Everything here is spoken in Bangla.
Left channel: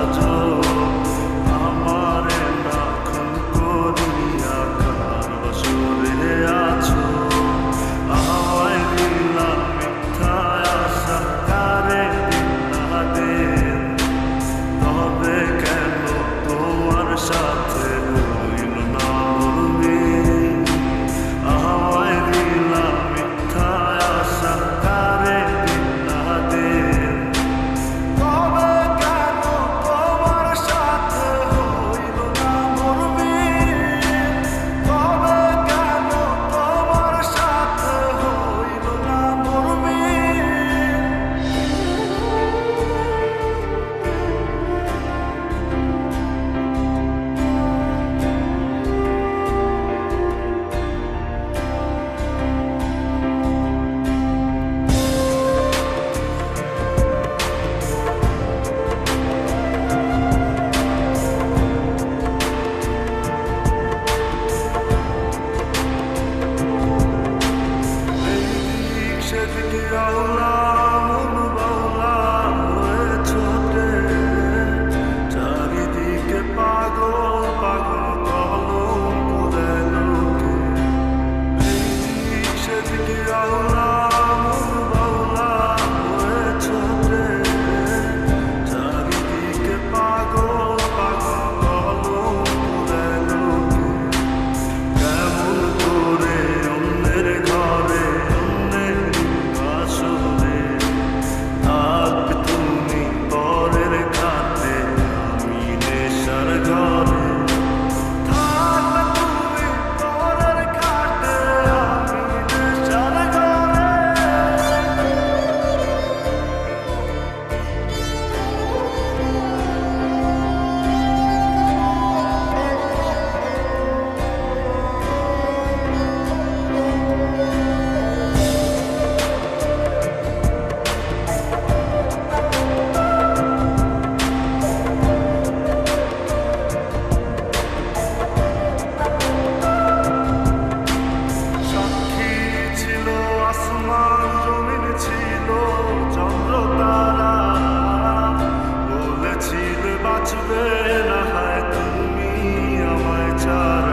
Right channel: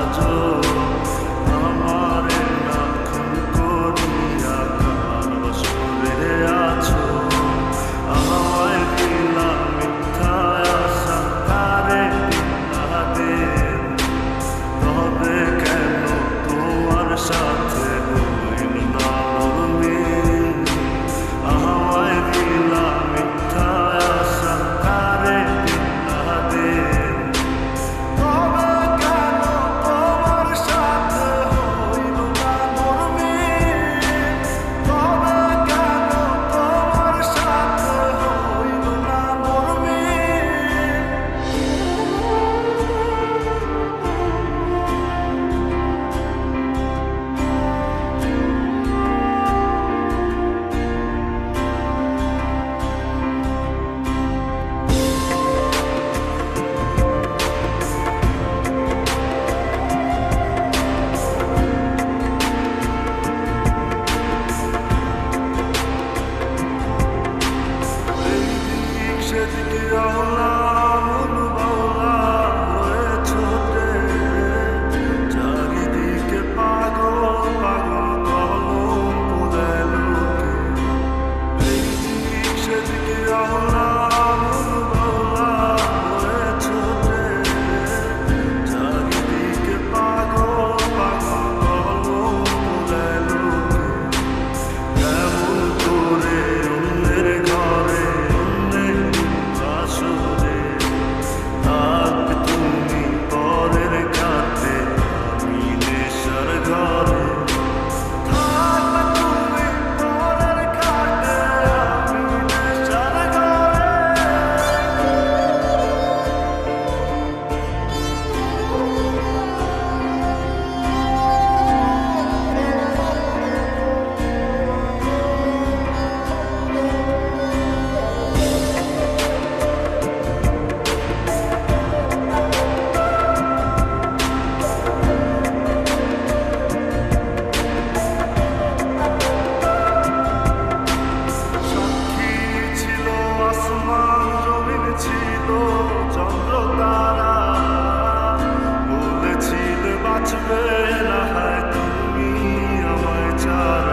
সাজো, আমারে না খুন করিয়া কার বাসরে আছো। আমায় দিলা মিথ্যা আশা, কারে দিলা দেন, তবে কেন তোমার সাথে হইল না নরমিল। আমায় দিলা মিথ্যা আশা, কারে দিলা দেন, তবে কেন তোমার সাথে হইল না নরমিল। তবে কেন তোমার সাথে হইল না নরমিল। সেদিকে আওলা মন বাউলা হয়ে ছোটে, চারিদিকে পাগল পাগল কলঙ্ক দেয় লোকে। এই দিক সেদিকে আওলা মন বাউলা হয়ে ছোটে, চারিদিকে পাগল পাগল কলঙ্ক দেয় লোকে। কেমন করে অন্যের ঘরে থাকবে তুমি পরের খাতে, আমি নেশার ঘরে। থাকবে তুমি পরের খাতে, আমি নেশার ঘরে। আসমান জমিন ছিল চন্দ্র তারা, বলেছিলে বাঁচবে না হয় তুমি আমায় ছাড়া।